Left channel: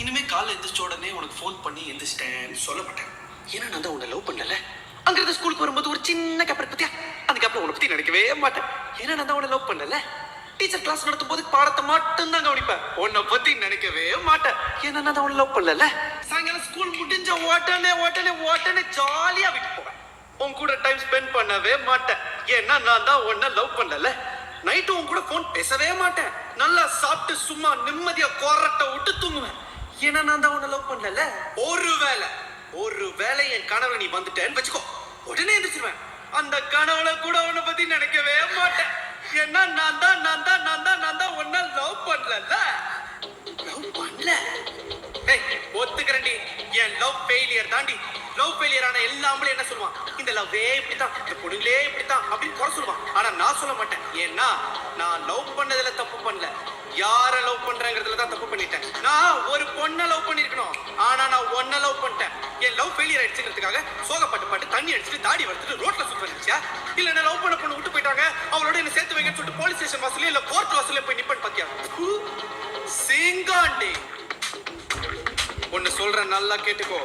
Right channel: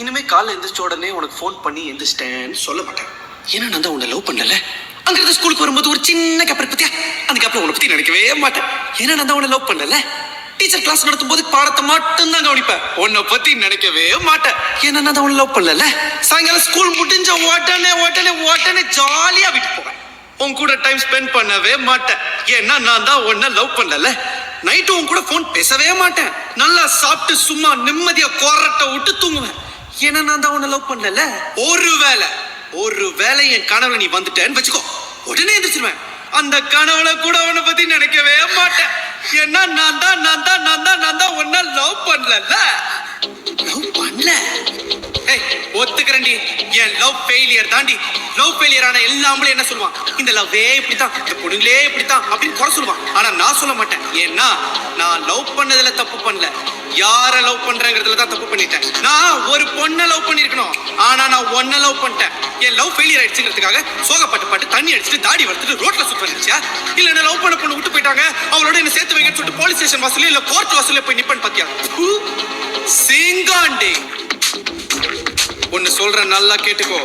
இனிமே காலைல எந்திரிச்ச உடனே உனக்கு ஃபோன் பண்ணி எந்திரிச்சிட்டேன்னு சொல்ல மாட்டேன். ஏன்னா நான் தான் உன்னை லவ் பண்ணல. அங்கிருந்து ஸ்கூலுக்கு வரும்போது ஒரு சின்ன கேப் பத்தியா, அந்த கேப்ல உன்னை பத்தி நினைக்கவே மாட்டேன். ஏன்னா நான் தான் உன்னை லவ் பண்ணல. டீச்சர் கிளாஸ் நடத்தும் போது பாடத்தை மட்டும் தான் கவனிப்பேன். உன்னை பத்தி நினைக்கவே மாட்டேன். ஏன்னா நான் தான் உன்னை லவ் பண்ணல. சாயங்காலம் ஸ்கூல் முடிஞ்ச உடனே ஜாலியா வீட்டுக்கு போவேன். உன் கூட டைம் ஸ்பெண்ட் பண்ணவே மாட்டேன். ஏன்னா நான் தான் உன்னை லவ் பண்ணல. நைட்டு உன் கூட போன் பேசவே மாட்டேன். நல்லா சாப்பிட்டு சும்மா நிம்மதியா கொரட்டை விட்டு தூங்குவேன். ஏன்னா நான் தான் உன்னை லவ் பண்ணல. ஒருவேளை என் கனவுல நீ வந்துட்டேன்னு வச்சுக்கோ, உடனே எந்திரிச்சிருவேன். அந்த கனவுல கூட உன்னை பத்தி நினைக்கவே மாட்டேன். ஏன்னா நான் தான் உன்னை லவ் பண்ணல. லவ் பண்ணல. ஒத்துக்கிறேன்டி, என் லவ் ஃபெயிலியர் தாண்டி. லவ் ஃபெயிலியர் ஆன எல்லாமே என்ன சொல்லுவான், இந்த லவ்வே இப்படித்தான், இந்த பொண்ணுங்களே இப்படித்தான் அப்படின்னு குறை சொல்லுவான். ஆனா நான் சொல்ல மாட்டேன். ஏன்னா நான் லவ் பண்ணதுல தப்பு பண்ணல, யார லவ் பண்றேங்கிறதுல தான் தப்பு பண்ணிட்டேன். நான் ஒரு பொண்ணை லவ் பண்ணிருக்கணும், ஆனா நான் ஒன்ன லவ் பண்ணிட்டேன். என் லவ் ஃபெயிலியர் ஆயிடுச்சுங்கிறதுக்காக சோகப்பட்டு தண்ணி அடிச்சுட்டு தாடி வளர்த்துட்டு ரோட்ல சுத்த வந்துச்சா, இல்ல என்ன லவ் பண்ண பொண்ணு விட்டு போயிட்டாங்க, அவளோட என்ன சேர்த்து வைங்கன்னு சொல்லிட்டு போலீஸ் ஸ்டேஷன் வாசல்ல இல்ல கோர்ட் வாசல்ல போய் நிப்பேன்னு பாத்தியா? சிங்காண்டி ஒன்னு சொல்ற, நல்லா கேட்டுக்கோ.